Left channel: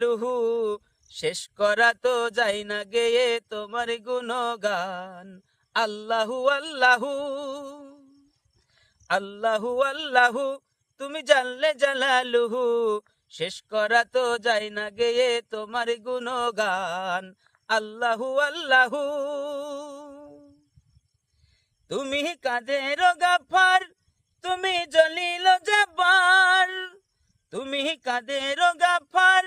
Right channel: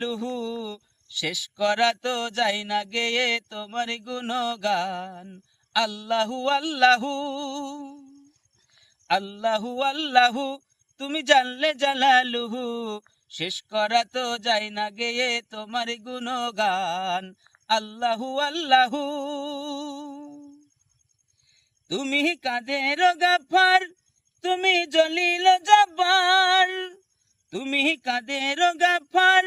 লুহু শেষ করা তো যায় না গেয়ে তোমার গুণগান। আল্লাহু আল্লাহু আল্লাহু আল্লাহু তুমি জানলে জালালুহু শেষ করা তো যায় না গেয়ে তোমার গুণগান। আল্লাহু আল্লাহু তুমি কাদের গাফার, তুমি জলিল জাব্বার। তুমি কাদের গাফার,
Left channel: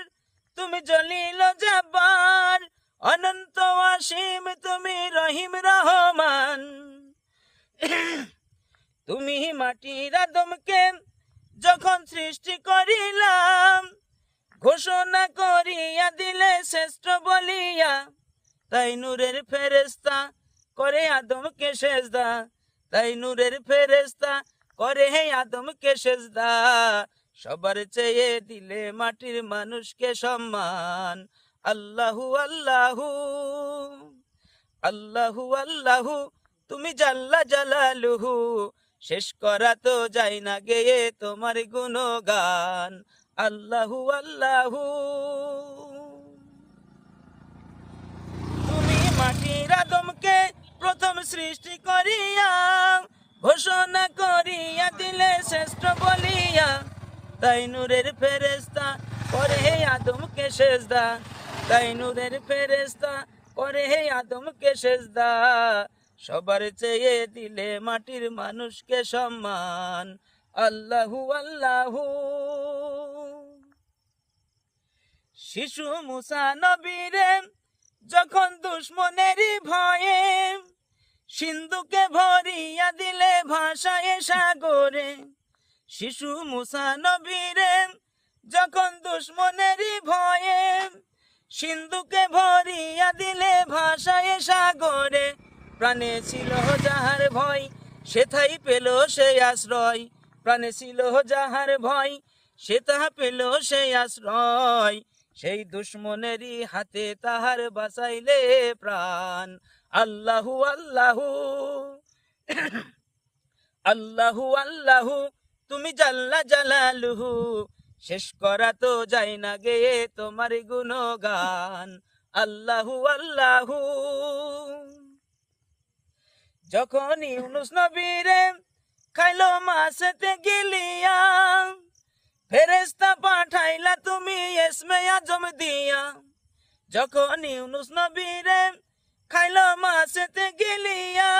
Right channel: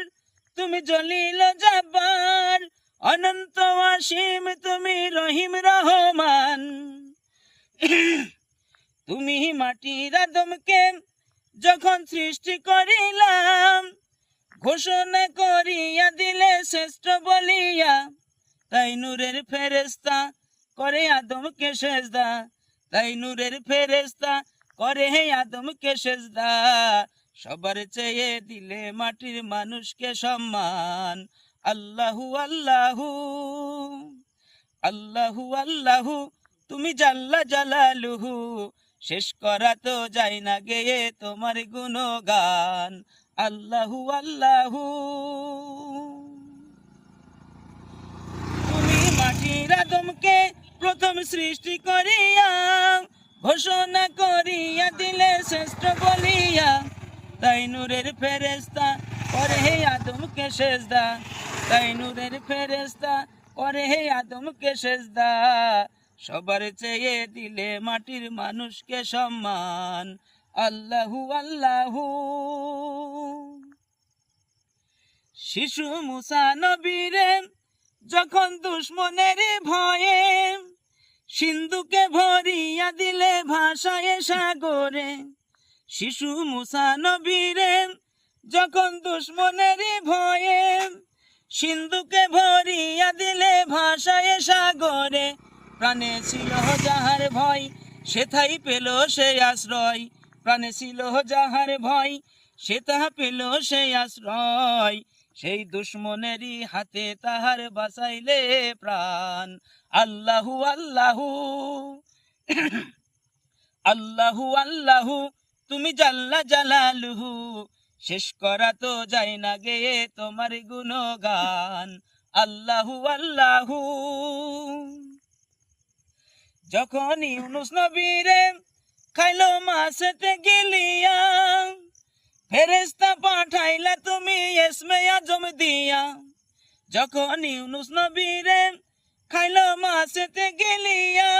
তুমি জলিল জাব্বার। অনন্ত অসীম তুমি রহিম রহমান। তুমি মাটির আদমকে যখন সৃষ্টি করিলাম, ঘোষণা করিয়া দিলে শ্রেষ্ঠ বলিয়া। তাই নূরের ফেরেশতা করে আদমকে সেজদা, তাই নূরের ফেরেশতা করে আদমকে সেজদা। সবার চেয়ে দিলে মাটির মানুষকে সম্মান। আল্লাহু আল্লাহু আল্লাহু আল্লাহু তুমি জাল্লা জালালুহু শেষ করা তো যায় না গেয়ে তোমার গুণগান। আল্লাহু আল্লাহু তুমি মাটির আদমকে প্রথম সৃষ্টি করিয়া, ঘোষণা করিয়া দিলে শ্রেষ্ঠ বলিয়া। তাই নূরের ফেরেশতা করে আদমকে সেজদা, তাই নূরের ফেরেশতা করে আদমকে সেজদা। সবার চেয়ে দিলে মাটির মানুষকে সম্মান। আল্লাহু আল্লাহু শিশু মুসা নবীরে যখন দুশ্মনেরই ভয়ে সিন্ধুকে ভরিয়া দিলে ভাষায় সাগরে। শিশু মুসা নবীরে যখন দুশ্মনেরই ভয়ে সিন্ধুকে ভরিয়া দিলে ভাষায় সাগরে। প্রাণে ছিল যাহার ভয় সেথাই পেল সে আশ্রয়, প্রাণে ছিল যাহার ভয় সেথা পেল সে আশ্রয়। সেই দুশ্মনেরই হাতে তাহার বাঁচাইলে প্রাণ। আল্লাহু আল্লাহু আল্লাহু আল্লাহু তুমি জাল্লা জালালুহু শেষ করা তো যায় না গেয়ে তোমার গুণগান। আল্লাহু আল্লাহু যখন ইউনুস নবীরে খাইলো মাছেতে গিলিয়া, ফেরেশতা পাঠাইলা তুমি ইসমে আজম দিয়া। যখন ইউনুস নবীরে খাইলো মাছেতে গিলিয়া,